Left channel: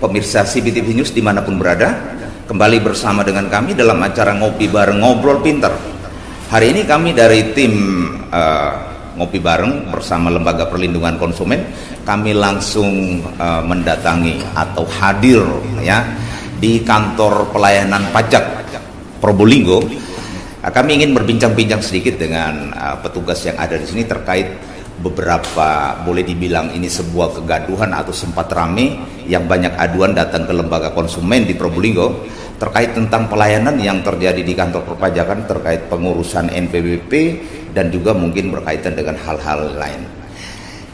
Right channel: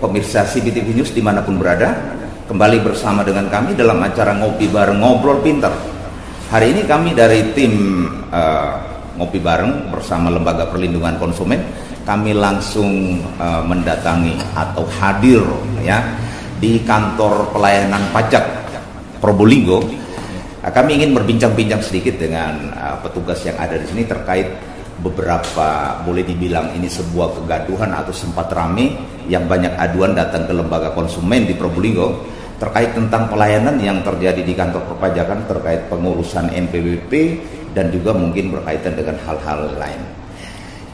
pemirsa CBTV News dimanapun berada. Kembali bersama dengan kami dalam acara Ngopi Bareng Ngobrol Pinter. Hari ini kami dari tim Ngopi Bareng bersama Lembaga Perlindungan Konsumen, kami langsung mendatangi atau hadir ya di kantor pelayanan pajak Probolinggo. Kami ingin berbincang-bincang sedikit dengan petugas yang ada di sini terkait beberapa, boleh dibilang ini sebuah kegaduhan atau sempat rame yang banyak aduan datang ke lembaga konsumen di Probolinggo terkait tentang pelayanan yang terjadi di kantor perpajakan terkait pengurusan NPWP dan juga mungkin berkaitan dengan hal-hal lain.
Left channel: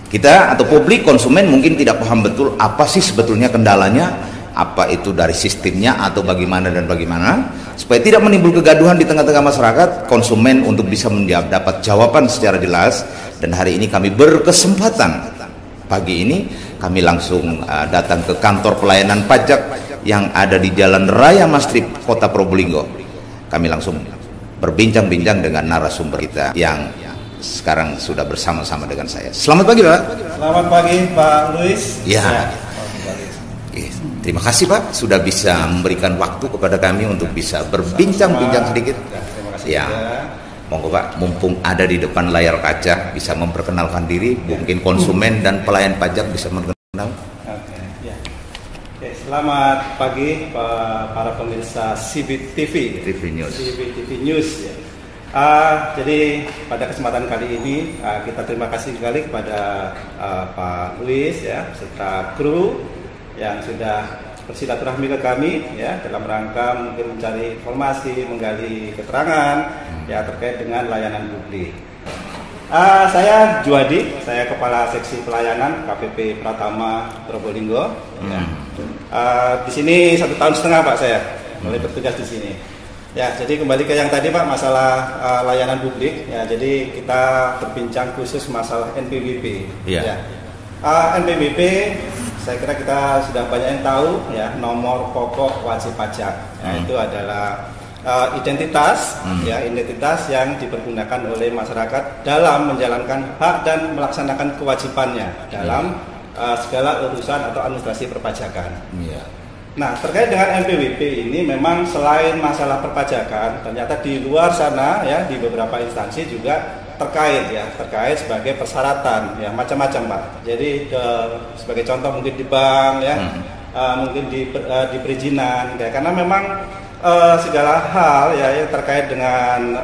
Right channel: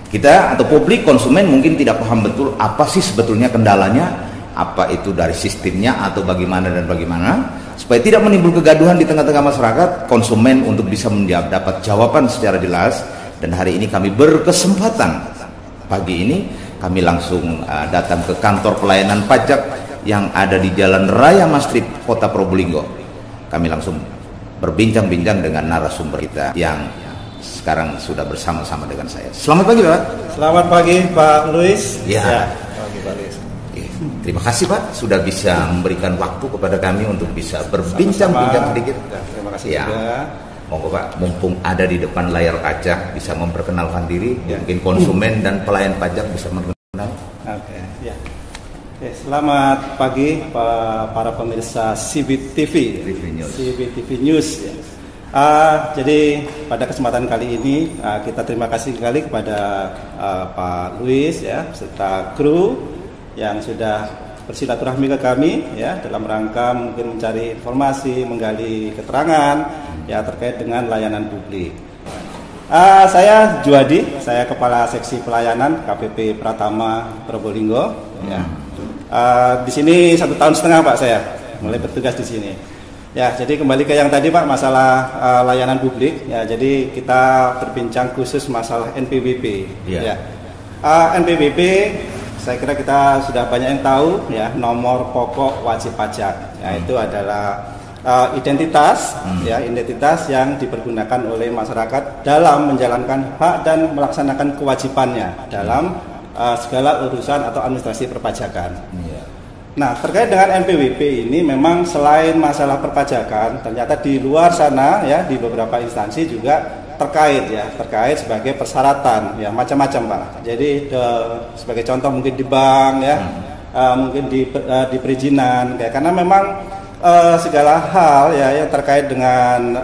Kita atau publik konsumen mungkin tidak paham betul apa sih sebetulnya kendalanya, apa itu dari sistemnya atau bagaimana dan bagaimana. Supaya tidak menimbul kegaduhan di tengah-tengah masyarakat, konsumen untuk bisa mendapat jawaban secara jelas. Dan hari ini kami berkesempatan, pagi ini kami langsung datang ke kantor pelayanan pajak yang ada di Jalan Raya Mastrip, Kota Probolinggo. Kami langsung berbincang-bincang dengan narasumber kita yang sekarang sudah bersama-sama dengan saya. Selamat pagi, Pak. Selamat pagi, Pak Luis. Ya. Terima kasih, Pak, sudah bisa memberikan waktu kepada kami untuk bisa berbincang-bincang sedikit. Terima kasih. Ya. Monggo, Pak, mumpung ada di depan layar kaca bisa memperkenalkan diri, mungkin konsumen dan pelayan pajak bisa mengenal. Oke, ya. Oke, selamat pagi para pemirsa CBTV News. CBTV News ya. Jadi pada kesempatan kali ini kita terima kasih sekali kepada Pak Luis ya serta kru yang sudah bersilaturahmi ke kami ya dalam rangka mungkin mencari informasi, menggali keterangan ya terkait dengan layanan publik. Saya Juwadi, saya Kepala Seksi Pelayanan KPP Pratama Probolinggo. Ya. Di sini 1,5 tahun Pak saya mulai bertugas di sini. Ya, jadi kembali ke yang tadi Pak masalah layanan publik. Ya, jadi kita berbincang khusus masalah NPWP. Ya. Ya. NPWP saya kira kita sudah banyak yang tahu ya nomor pokok wajib pajak. Nah, itu adalah identitas yang dipergunakan oleh masyarakat dalam menjalankan hak dan melaksanakan kewajibannya dalam segala urusan atau administrasi perpajakan. Nah, terkait dengan NPWP ini memang selain masalah perpajakan, ternyata di luar sana ya di beberapa instansi juga terkait sebagai persyaratan ya macam-macam Pak. Jadi sebagai contoh mungkin di bank ya, mungkin di perizinan ya, karena memang segala hal ya yang terkait dengan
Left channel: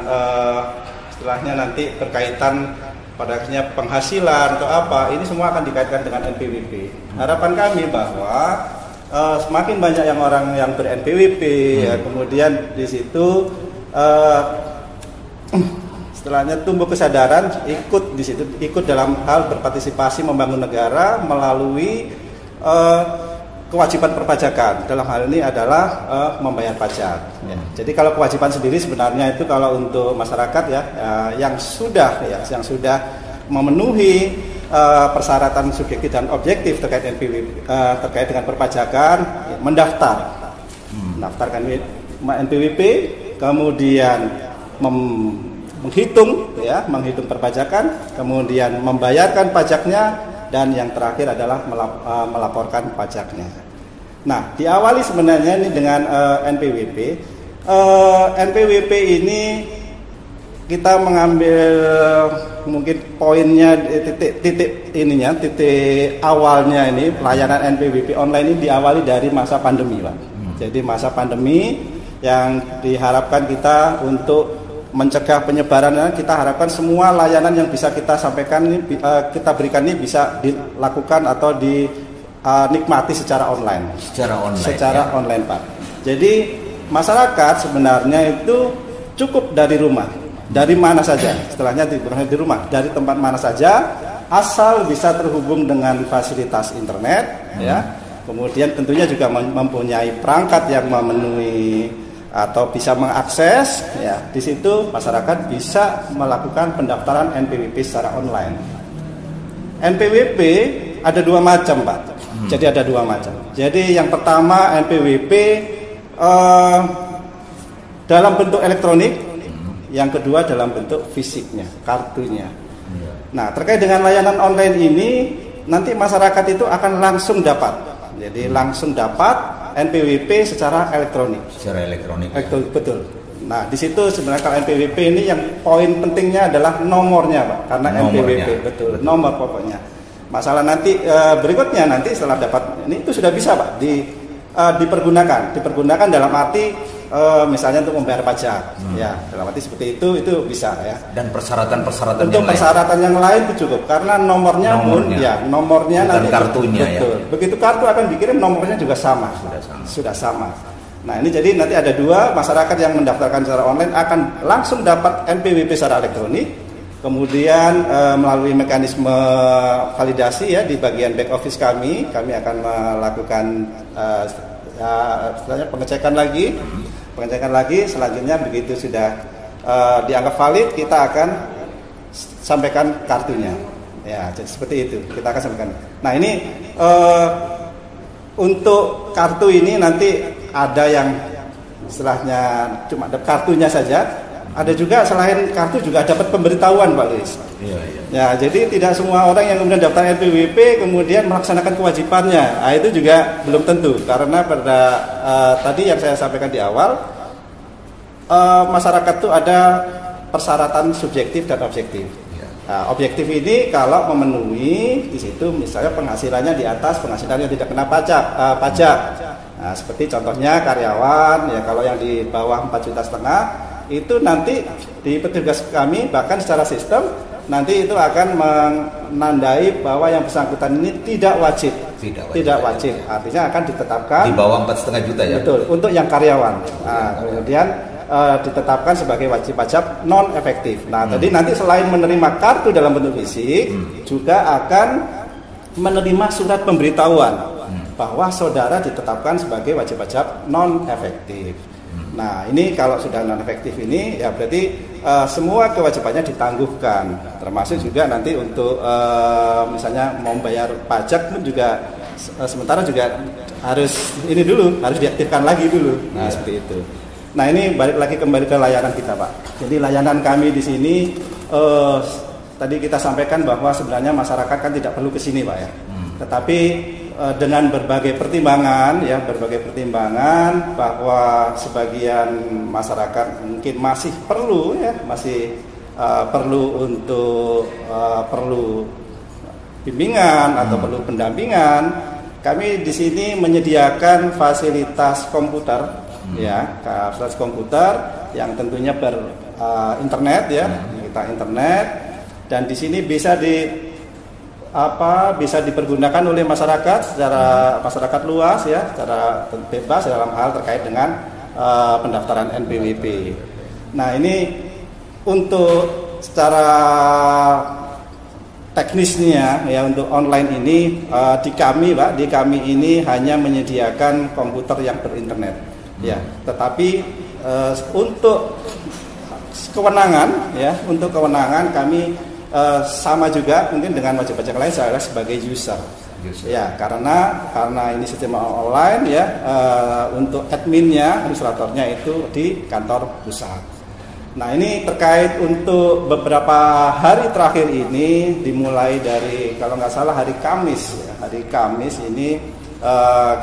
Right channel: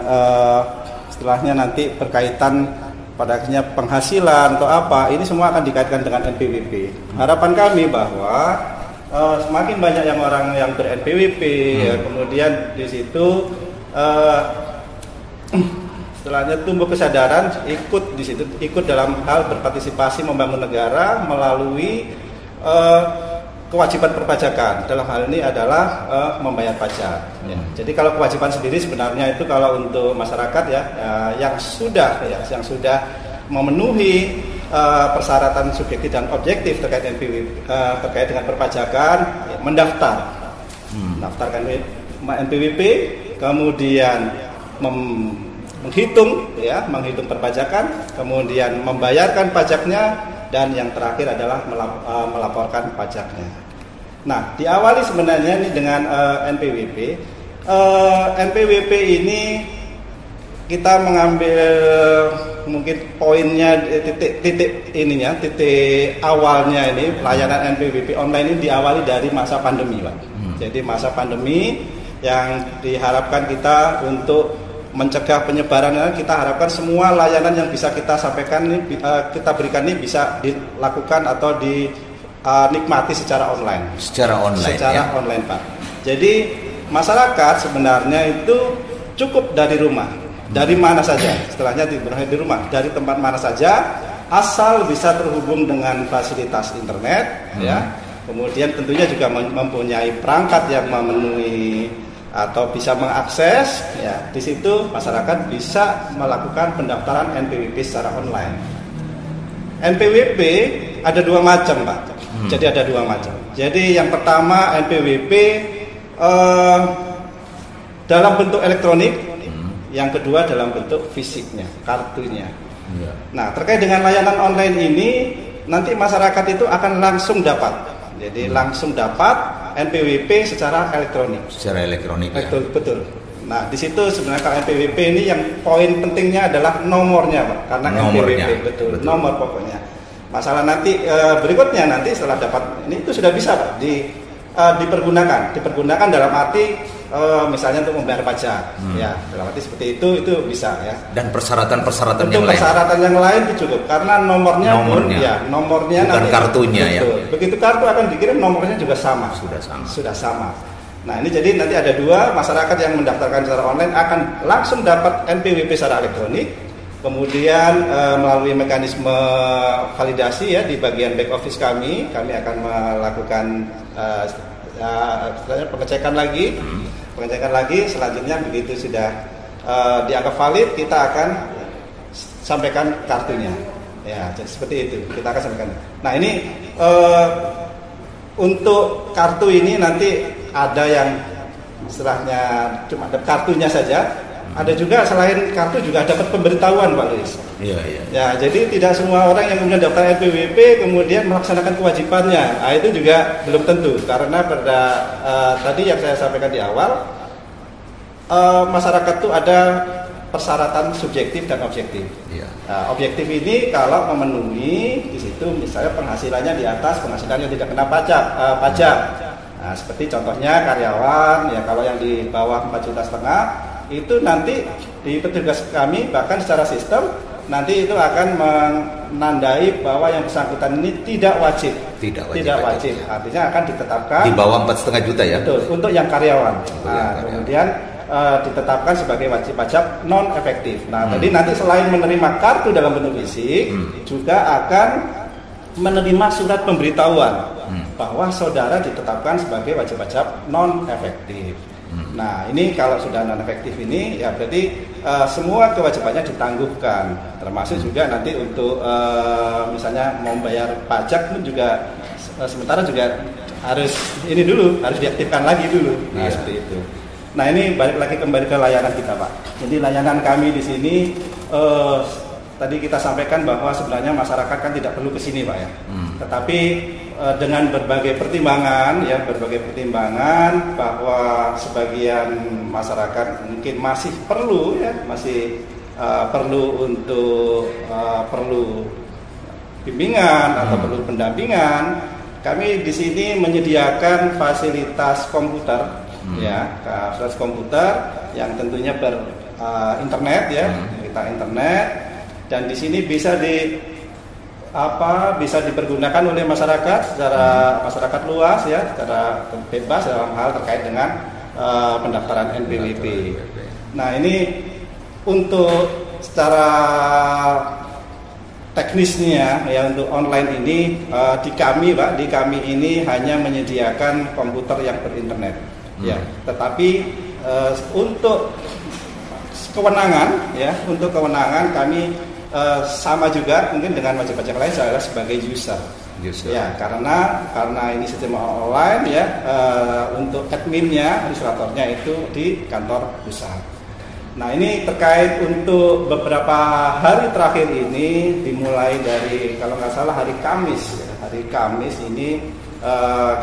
istilahnya nanti berkaitan pada akhirnya penghasilan atau apa, ini semua akan dikaitkan dengan NPWP. Harapan kami bahwa semakin banyak yang orang yang ber-NPWP ya, kemudian di situ setelahnya tumbuh kesadaran ikut di situ, ikut dalam hal berpartisipasi membangun negara melalui kewajiban perpajakan. Dalam hal ini adalah membayar pajak. Ya. Jadi kalau kewajiban sendiri sebenarnya itu kalau untuk masyarakat ya yang sudah memenuhi persyaratan subjektif dan objektif terkait NPWP, terkait dengan perpajakan ya, mendaftarkan NPWP, kemudian menghitung perpajakan, kemudian membayarkan pajaknya, dan yang terakhir adalah melaporkan pajaknya. Nah, diawali sebenarnya ini dengan NPWP. NPWP ini kita mengambil mungkin poinnya titik awalnya ini pelayanan NPWP online ini diawali dari masa pandemi, Pak. Jadi masa pandemi yang diharapkan kita untuk mencegah penyebaran, kita harapkan semua layanan yang bisa kita sampaikan ini, kita berikan ini bisa dilakukan atau dinikmati secara online. Secara online, Pak. Jadi masyarakat sebenarnya itu cukup dari rumah, dari mana saja. Setelahnya di rumah, dari tempat mana saja, asal bisa terhubung dengan fasilitas internet, ya. Kemudian tentunya juga mempunyai perangkat yang memenuhi atau bisa mengakses, ya, di situ masyarakat bisa melakukan pendaftaran NPWP secara online. NPWP ada dua macam, Pak. Jadi ada dua macam. Jadi yang pertama NPWP dalam bentuk elektronik, yang kedua dalam bentuk fisiknya, kartunya. Nah, terkait dengan layanan online ini, nanti masyarakat itu akan langsung dapat Jadi langsung dapat NPWP secara elektronik. Secara elektronik. Betul, betul. Nah, di situ sebenarnya kalau NPWP ini yang poin pentingnya adalah nomornya, Pak. Karena NPWP betul, nomor pokoknya. Masalah nanti berikutnya nanti setelah dapat ini itu sudah bisa, Pak, dipergunakan dalam arti misalnya untuk membayar pajak, ya, dalam arti seperti itu bisa ya. Dan persyaratan-persyaratan yang lain. Persyaratan yang lain itu cukup karena nomornya pun ya, nomornya bukan nanti, kartunya betul. Ya. Begitu kartu akan dikirim nomornya juga sama. Sudah sama. Nah, ini jadi nanti ada dua, masyarakat yang mendaftarkan secara online akan langsung dapat NPWP secara elektronik, kemudian melalui mekanisme validasi ya di bagian back office kami akan melakukan pengecekan lagi, selanjutnya begitu sudah dianggap valid, kita akan sampaikan kartunya. Ya, seperti itu, kita akan sampaikan. Nah, ini untuk kartu ini nanti ada yang istilahnya cuma ada kartunya saja, ada juga selain kartu juga dapat pemberitahuan, Pak Luis. Iya. Ya, jadi tidak semua orang yang kemudian daftar NPWP kemudian melaksanakan kewajibannya. Nah, itu juga belum tentu karena pada tadi yang saya sampaikan di awal, masyarakat itu ada persyaratan subjektif dan objektif. Iya. Nah, objektif ini kalau memenuhi di situ misalnya penghasilannya di atas penghasilannya tidak kena pajak. Nah, seperti contohnya karyawan ya, kalau yang di bawah 4,5 juta itu nanti di petugas kami bahkan secara sistem nanti itu akan menandai bahwa yang bersangkutan ini tidak wajib. Artinya akan ditetapkan di bawah 4,5 juta ya. Betul, untuk yang karyawan. Nah, kemudian ditetapkan sebagai wajib pajak non efektif. Nah, tadi nanti selain menerima kartu dalam bentuk fisik juga akan menerima surat pemberitahuan bahwa saudara ditetapkan sebagai wajib pajak non efektif. Nah, ini kalau sudah non efektif ini ya berarti semua kewajibannya ditangguhkan, termasuk juga nanti untuk misalnya mau bayar pajak pun juga sementara juga harus diaktifkan lagi dulu. Nah, seperti itu. Nah, ini balik lagi kembali ke layanan kita, Pak. Jadi layanan kami di sini tadi kita sampaikan bahwa sebenarnya masyarakat kan tidak perlu ke sini, Pak ya. Tetapi dengan berbagai pertimbangan bahwa sebagian masyarakat mungkin masih perlu untuk perlu bimbingan atau perlu pendampingan. Kami di sini menyediakan fasilitas komputer fasilitas komputer yang tentunya internet ya, kita internet, dan di sini bisa dipergunakan oleh masyarakat secara masyarakat luas ya, secara bebas dalam hal terkait dengan pendaftaran NPWP. Nah, ini untuk secara teknisnya ya untuk online ini di kami ini hanya menyediakan komputer yang berinternet ya, tetapi untuk kewenangan kami sama juga mungkin dengan wajib pajak lain saya sebagai user. Ya, karena ini sistem online ya, untuk adminnya, administratornya itu di kantor pusat. Nah, ini terkait untuk beberapa hari terakhir ini dimulai dari kalau nggak salah hari Kamis ini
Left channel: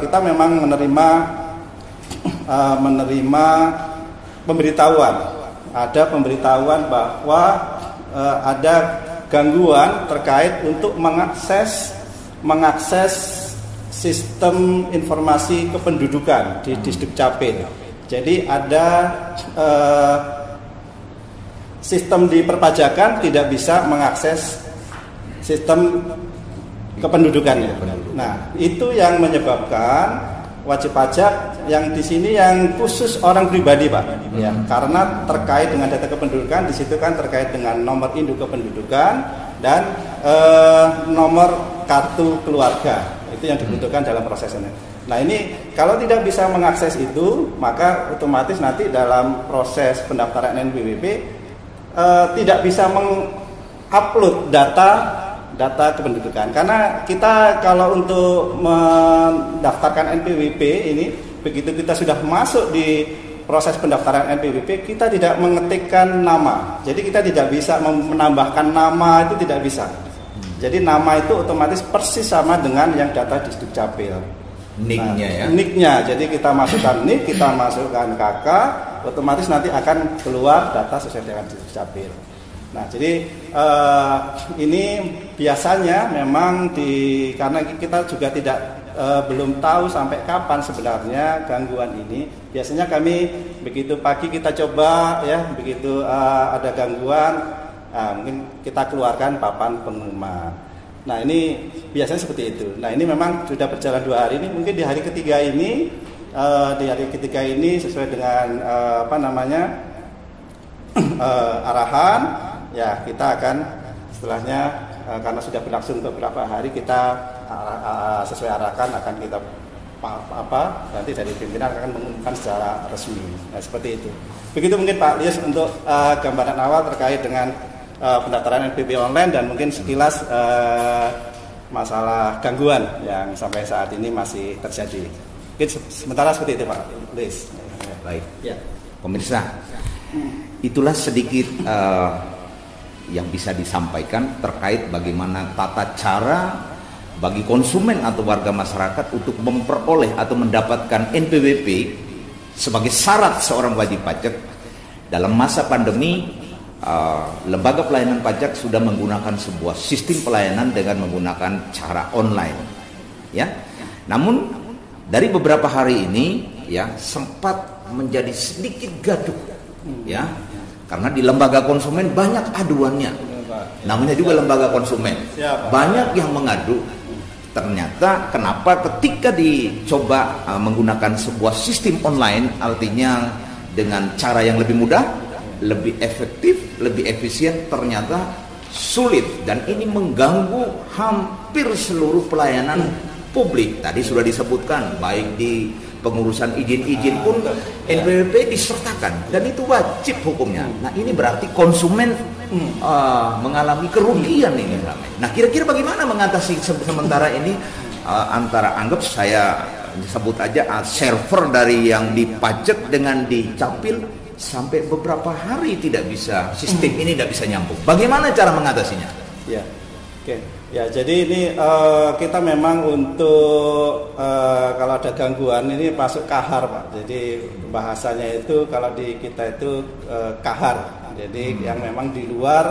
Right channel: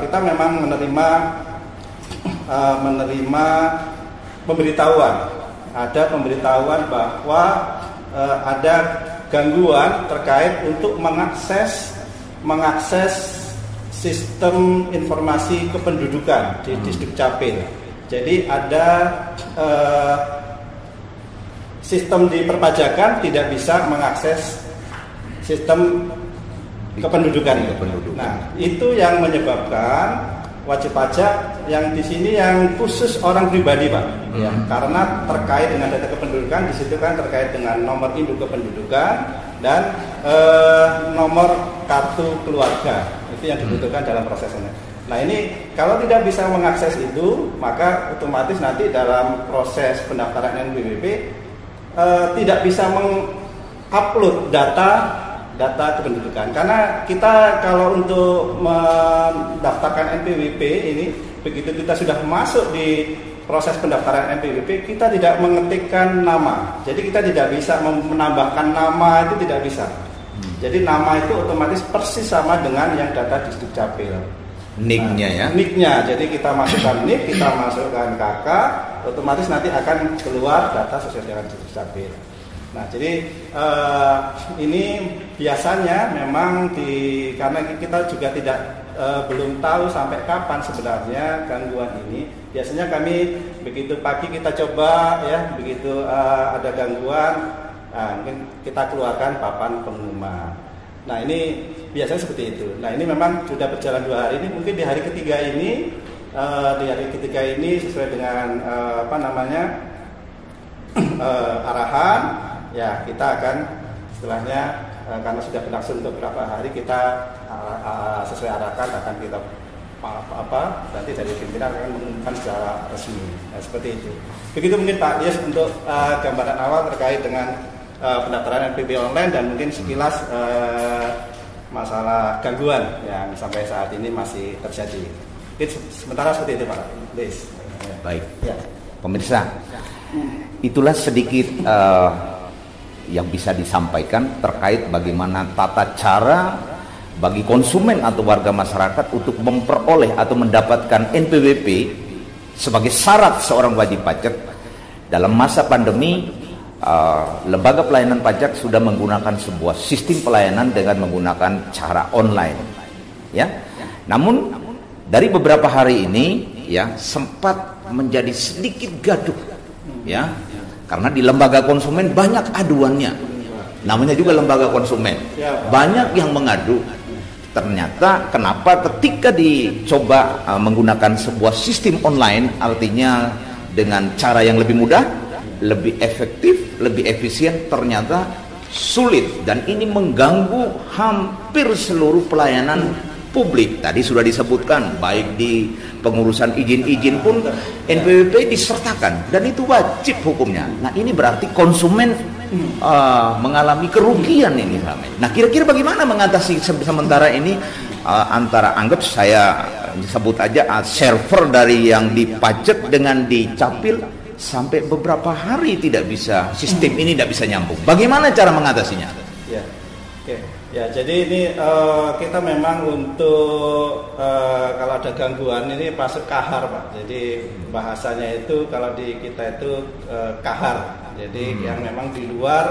kita memang menerima pemberitahuan. Ada pemberitahuan bahwa ada gangguan terkait untuk mengakses sistem informasi kependudukan di Disdukcapil. Jadi ada sistem di perpajakan tidak bisa mengakses sistem kependudukan. Nah, itu yang menyebabkan wajib pajak yang di sini yang khusus orang pribadi, Pak. Ya, karena terkait dengan data kependudukan di situ kan terkait dengan nomor induk kependudukan dan nomor kartu keluarga. Itu yang dibutuhkan dalam proses ini. Nah, ini kalau tidak bisa mengakses itu, maka otomatis nanti dalam proses pendaftaran NPWP tidak bisa mengupload data kependudukan. Karena kita kalau untuk mendaftarkan NPWP ini, begitu kita sudah masuk di proses pendaftaran NPWP, kita tidak mengetikkan nama. Jadi kita tidak bisa menambahkan nama, itu tidak bisa. Jadi nama itu otomatis persis sama dengan yang data di Disdukcapil. Nick-nya ya. Nick-nya, jadi kita masukkan nick, kita masukkan KK, otomatis nanti akan keluar data sesuai dengan Dukcapil. Nah, jadi ini biasanya memang karena kita juga belum tahu sampai kapan sebenarnya gangguan ini. Biasanya kami begitu pagi kita coba ya, begitu ada gangguan, mungkin kita keluarkan papan pengumuman. Nah, ini biasanya seperti itu. Nah, ini memang sudah berjalan 2 hari ini. Mungkin di hari ketiga ini, sesuai dengan arahan, ya kita akan setelahnya karena sudah berlangsung untuk beberapa hari, kita sesuai arahan akan kita nanti dari pimpinan akan mengumumkan secara resmi. Nah, seperti itu. Begitu mungkin Pak Dias untuk gambaran awal terkait dengan pendaftaran NPWP online dan mungkin sekilas masalah gangguan yang sampai saat ini masih terjadi. Mungkin sementara seperti itu Pak Dias. Baik. Ya. Pemirsa, itulah sedikit yang bisa disampaikan terkait bagaimana tata cara bagi konsumen atau warga masyarakat untuk memperoleh atau mendapatkan NPWP sebagai syarat seorang wajib pajak. Dalam masa pandemi, Lembaga Pelayanan Pajak sudah menggunakan sebuah sistem pelayanan dengan menggunakan cara online, ya. Namun dari beberapa hari ini, ya, sempat menjadi sedikit gaduh, ya, karena di lembaga konsumen banyak aduannya. Namanya juga lembaga konsumen, banyak yang mengadu. Ternyata kenapa ketika dicoba menggunakan sebuah sistem online, artinya dengan cara yang lebih mudah, lebih efektif, lebih efisien, ternyata sulit, dan ini mengganggu hampir seluruh pelayanan publik. Tadi sudah disebutkan, baik di pengurusan izin-izin pun NPWP disertakan, dan itu wajib hukumnya. Nah, ini berarti konsumen mengalami kerugian ini. Nah, kira-kira bagaimana mengatasi sementara ini? Antara anggap saya sebut aja server dari yang dipajak dengan dicapil sampai beberapa hari tidak bisa, sistem ini tidak bisa nyambung. Bagaimana cara mengatasinya? Ya, oke. Ya, jadi ini kita memang untuk kalau ada gangguan ini masuk kahar, Pak. Jadi bahasanya itu kalau di kita itu kahar. Jadi yang memang di luar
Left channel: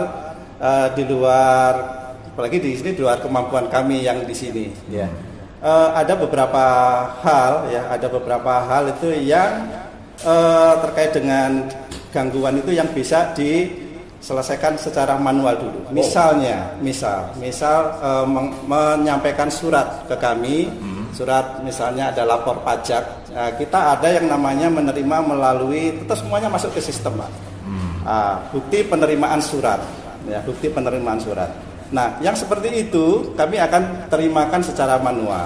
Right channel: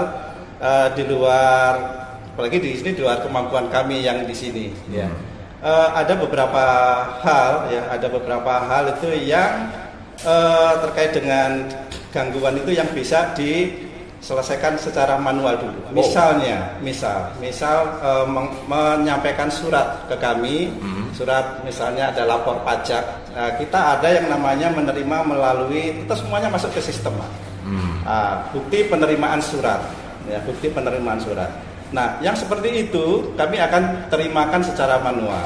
apalagi di sini di luar kemampuan kami yang di sini. Ya, ada beberapa hal itu yang terkait dengan gangguan itu yang bisa diselesaikan secara manual dulu. Misal menyampaikan surat ke kami, surat misalnya ada lapor pajak. Nah, kita ada yang namanya menerima melalui, itu semuanya masuk ke sistem, Pak. Bukti penerimaan surat, ya, bukti penerimaan surat. Nah, yang seperti itu kami akan terimakan secara manual.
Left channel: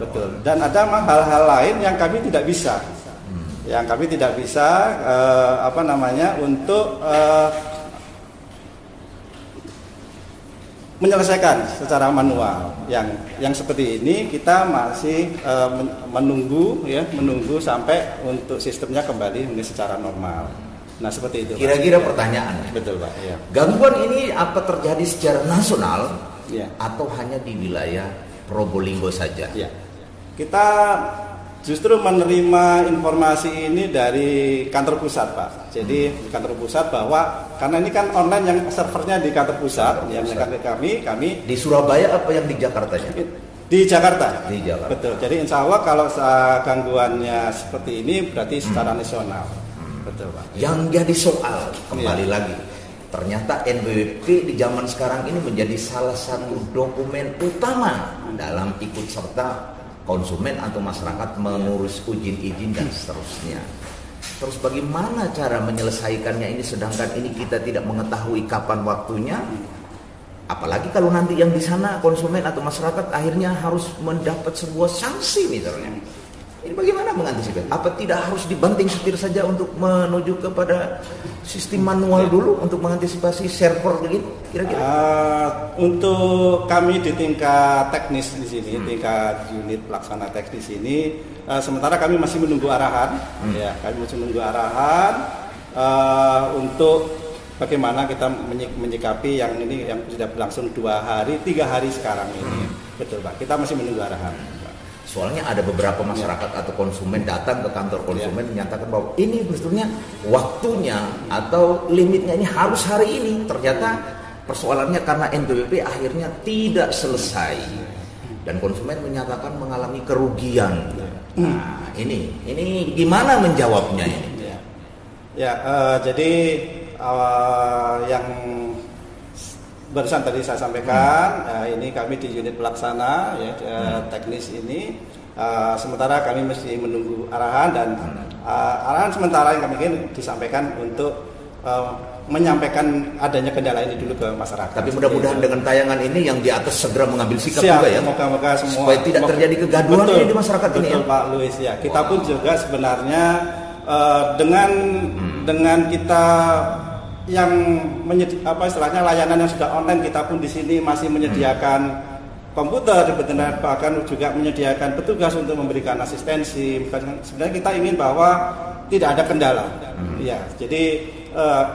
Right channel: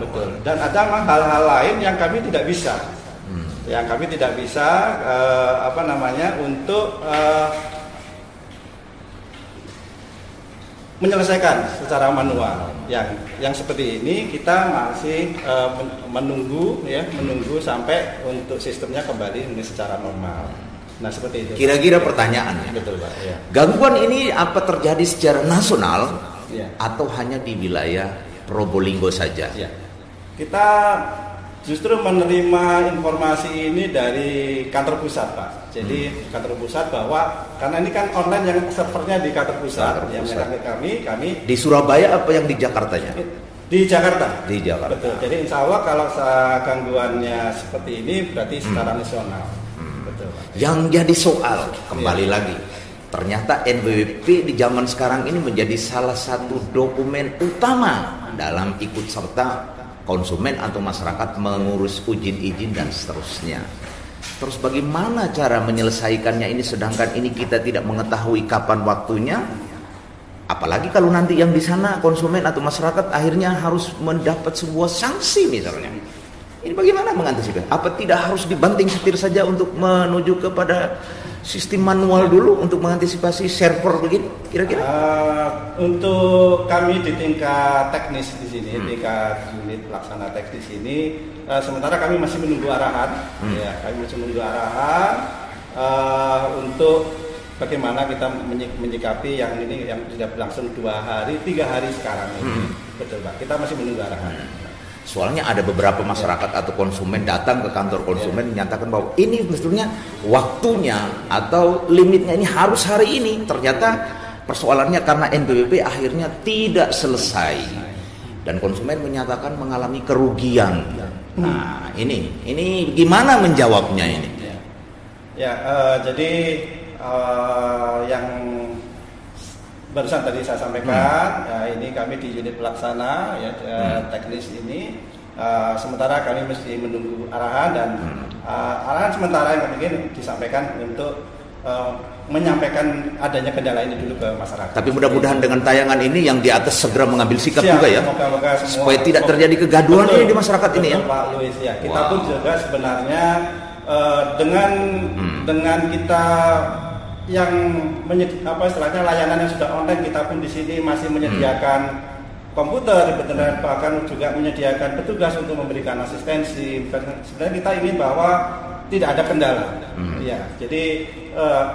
Betul. Dan ada hal-hal lain yang kami tidak bisa. Yang kami tidak bisa untuk menyelesaikan secara manual. Yang seperti ini kita masih menunggu sampai untuk sistemnya kembali secara normal. Nah, seperti itu. Kira-kira pertanyaannya, betul Pak. Ya. Gangguan ini apa terjadi secara nasional, ya, atau hanya di wilayah Probolinggo saja? Ya. Kita justru menerima informasi ini dari kantor pusat, Pak. Jadi kantor pusat bahwa karena ini kan online yang servernya di kantor pusat, yang kami di Surabaya apa yang di Jakarta? Di Jakarta. Di Jakarta. Betul. Jadi insya Allah kalau gangguannya seperti ini berarti secara nasional. Betul, Pak. Yang jadi soal kembali lagi, ternyata NPWP di zaman sekarang ini menjadi salah satu dokumen utama dalam ikut serta konsumen atau masyarakat mengurus izin dan seterusnya. Terus bagaimana cara menyelesaikannya ini, sedangkan ini kita tidak mengetahui kapan waktunya? Apalagi kalau nanti yang di sana konsumen atau masyarakat akhirnya harus mendapat sebuah sanksi misalnya. Ini bagaimana mengantisipasi? Apa tidak harus dibanting setir saja untuk menuju kepada sistem manual dulu untuk mengantisipasi server begitu? Kira-kira? Untuk kami di tingkat teknis di sini, tingkat unit pelaksana teknis ini, sementara kami masih menunggu arahan. Ya, kami masih menunggu arahan untuk bagaimana kita menyikapi yang ini yang sudah berlangsung 2 hari, 3 hari sekarang ini. Betul Pak. Kita masih menunggu arahan. Soalnya ada beberapa masyarakat atau konsumen datang ke kantor konsumen menyatakan bahwa ini sebetulnya waktunya atau limitnya ini harus hari ini. Ternyata persoalannya karena NPWP akhirnya tidak selesai dan konsumen menyatakan mengalami kerugian. Nah, ini gimana menjawabnya ini? Jadi yang barusan tadi saya sampaikan, ini kami di unit pelaksana teknis ini, sementara kami mesti menunggu arahan dan arahan sementara yang kami ingin disampaikan untuk menyampaikan adanya kendala ini dulu ke masyarakat. Tapi mudah-mudahan dengan tayangan ini yang di atas segera mengambil sikap juga ya, moga-moga semua, supaya tidak terjadi kegaduhan ini di masyarakat ini ya. Pak Luis ya, kita pun juga sebenarnya dengan kita yang istilahnya layanan yang sudah online, kita pun di sini masih menyediakan komputer, bahkan juga menyediakan petugas untuk memberikan asistensi. Sebenarnya kita ingin bahwa tidak ada kendala. Ya, jadi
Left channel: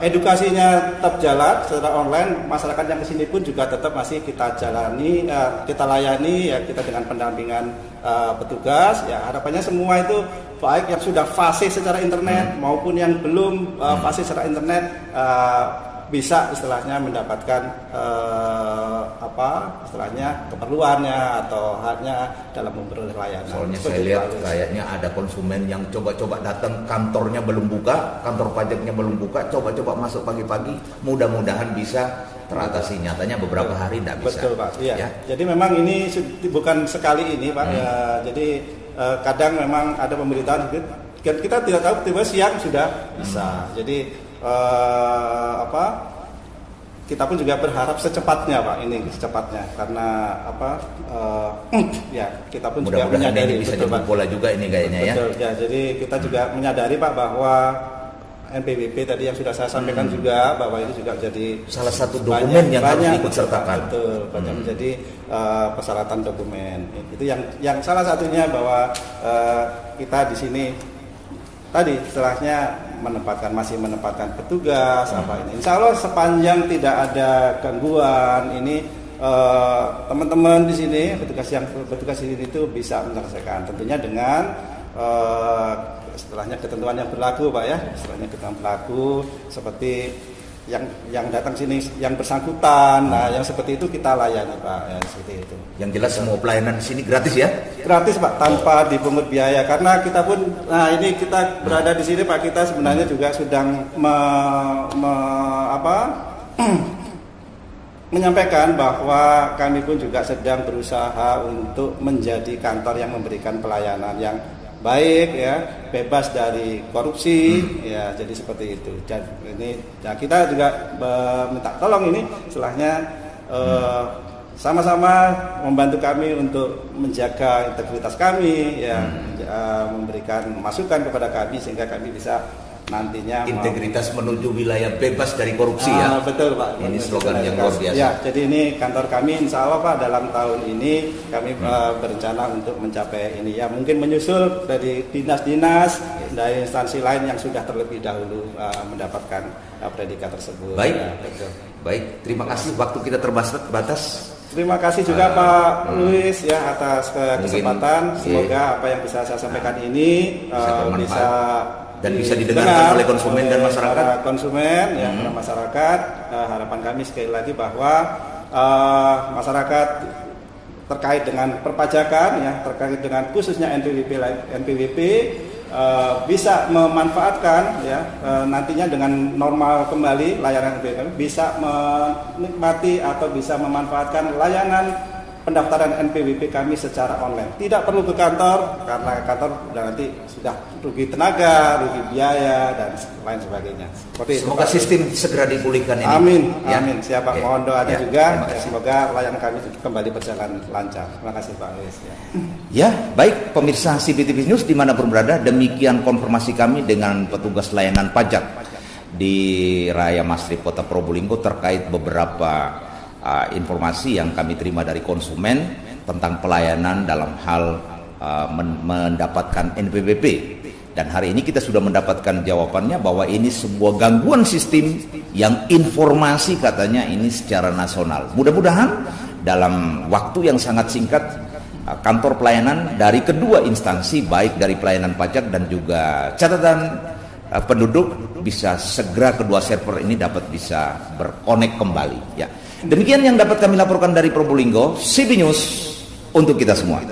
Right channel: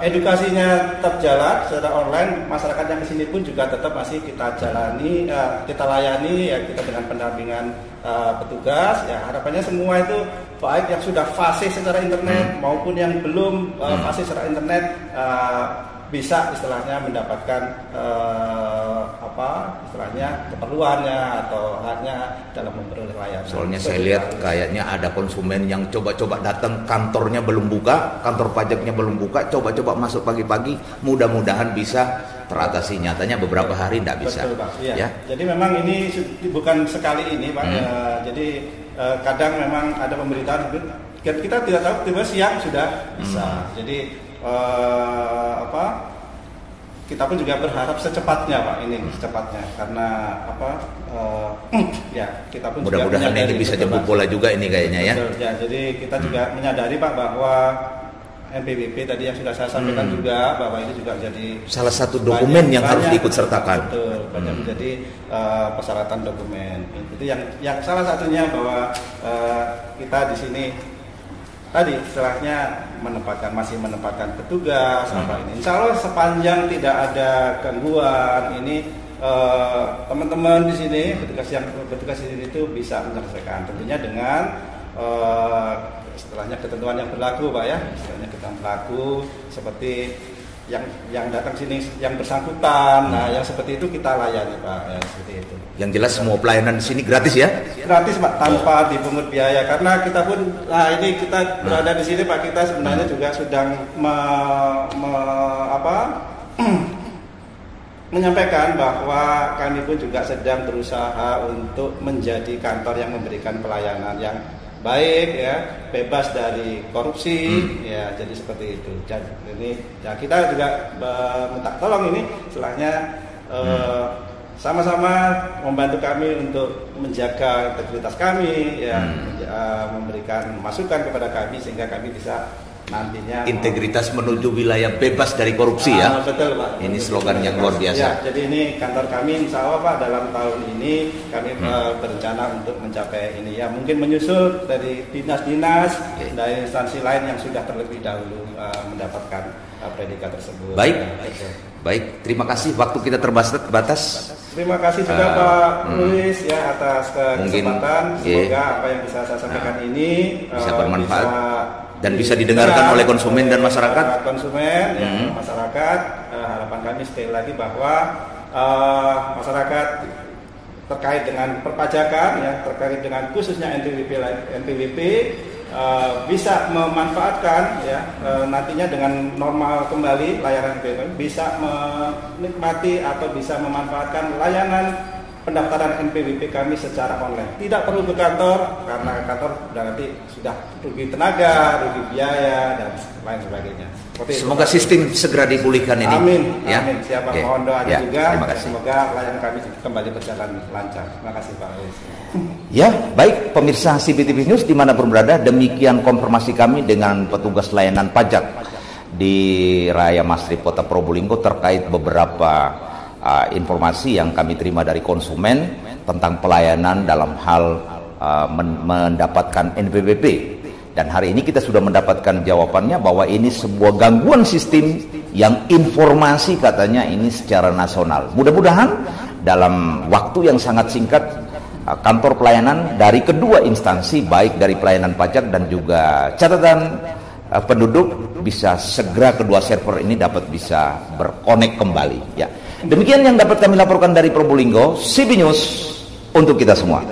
edukasinya tetap jalan secara online. Masyarakat yang kesini pun juga tetap masih kita jalani, kita layani ya, kita dengan pendampingan petugas. Ya, harapannya semua itu baik yang sudah fasih secara internet maupun yang belum fasih secara internet bisa istilahnya mendapatkan keperluannya atau haknya dalam memperoleh layanan. Soalnya saya lihat kayaknya ada konsumen yang coba-coba datang, kantornya belum buka, kantor pajaknya belum buka, coba-coba masuk pagi-pagi, mudah-mudahan bisa teratasi. Nyatanya beberapa hari tidak bisa. Betul, Pak. Ya. Jadi memang ini bukan sekali ini, Pak. Jadi kadang memang ada pemberitaan kita tidak tahu, tiba siang sudah bisa. Jadi kita pun juga berharap secepatnya, Pak, secepatnya karena kita pun mudah-mudahan ini bisa jemput bola juga ini kayaknya. Betul, ya. Jadi kita juga menyadari, Pak, bahwa NPWP tadi yang sudah saya sampaikan juga bahwa ini juga jadi salah satu dokumen yang harus diikut sertakan. Betul, banyak menjadi persyaratan dokumen. Itu yang salah satunya bahwa kita di sini tadi istilahnya masih menempatkan petugas. Insya Allah sepanjang tidak ada gangguan ini teman-teman di sini petugas di sini itu bisa menyelesaikan, tentunya dengan istilahnya ketentuan yang berlaku, Pak ya, istilahnya ketentuan berlaku seperti yang datang sini yang bersangkutan, yang seperti itu kita layani, Pak, ya, seperti itu. Yang jelas semua pelayanan di sini gratis ya? Gratis, Pak, tanpa dipungut biaya. Karena kita pun, ini kita berada di sini, Pak, kita sebenarnya juga sedang menyampaikan bahwa kami pun juga sedang berusaha untuk menjadi kantor yang memberikan pelayanan yang baik ya, bebas dari korupsi ya, jadi seperti itu. Dan ini kita juga minta tolong ini setelahnya sama-sama membantu kami untuk menjaga integritas kami ya, memberikan masukan kepada kami sehingga kami bisa nantinya integritas menuju wilayah bebas dari korupsi ya. Betul, Pak. Ini slogan yang luar biasa. Ya, jadi ini kantor kami insya Allah, Pak, dalam tahun ini kami berencana untuk mencapai ini ya, mungkin menyusul dari dinas-dinas dari instansi lain yang sudah terlebih dahulu mendapatkan predikat tersebut. Baik. Baik, terima kasih, waktu kita terbatas. Terima kasih juga Pak Luis ya atas kesempatan. Semoga apa yang bisa saya sampaikan ini bisa bermanfaat dan bisa didengarkan oleh konsumen dan masyarakat. Masyarakat, harapan kami sekali lagi bahwa masyarakat terkait dengan perpajakan ya, terkait dengan khususnya NPWP bisa memanfaatkan ya, nantinya dengan normal kembali layanan NPWP bisa menikmati atau bisa memanfaatkan layanan pendaftaran NPWP kami secara online. Tidak perlu ke kantor karena kantor nanti sudah rugi tenaga, rugi biaya dan lain sebagainya. Semoga sistem segera dipulihkan ini. Amin. Ya. Amin. Siapa mohon doanya juga. Semoga layanan kami kembali berjalan lancar. Terima kasih Pak Luis. Ya, baik pemirsa CBTV News dimanapun berada, demikian konfirmasi kami dengan petugas layanan pajak di Raya Mastrip Kota Probolinggo terkait beberapa informasi yang kami terima dari konsumen tentang pelayanan dalam hal mendapatkan NPWP. Dan hari ini kita sudah mendapatkan jawabannya bahwa ini sebuah gangguan sistem yang informasi katanya ini secara nasional. Mudah-mudahan dalam waktu yang sangat singkat kantor pelayanan dari kedua instansi, baik dari pelayanan pajak dan juga catatan penduduk, bisa segera kedua server ini dapat bisa berkonek kembali. Ya, demikian yang dapat kami laporkan dari Probolinggo. CB News untuk kita semua.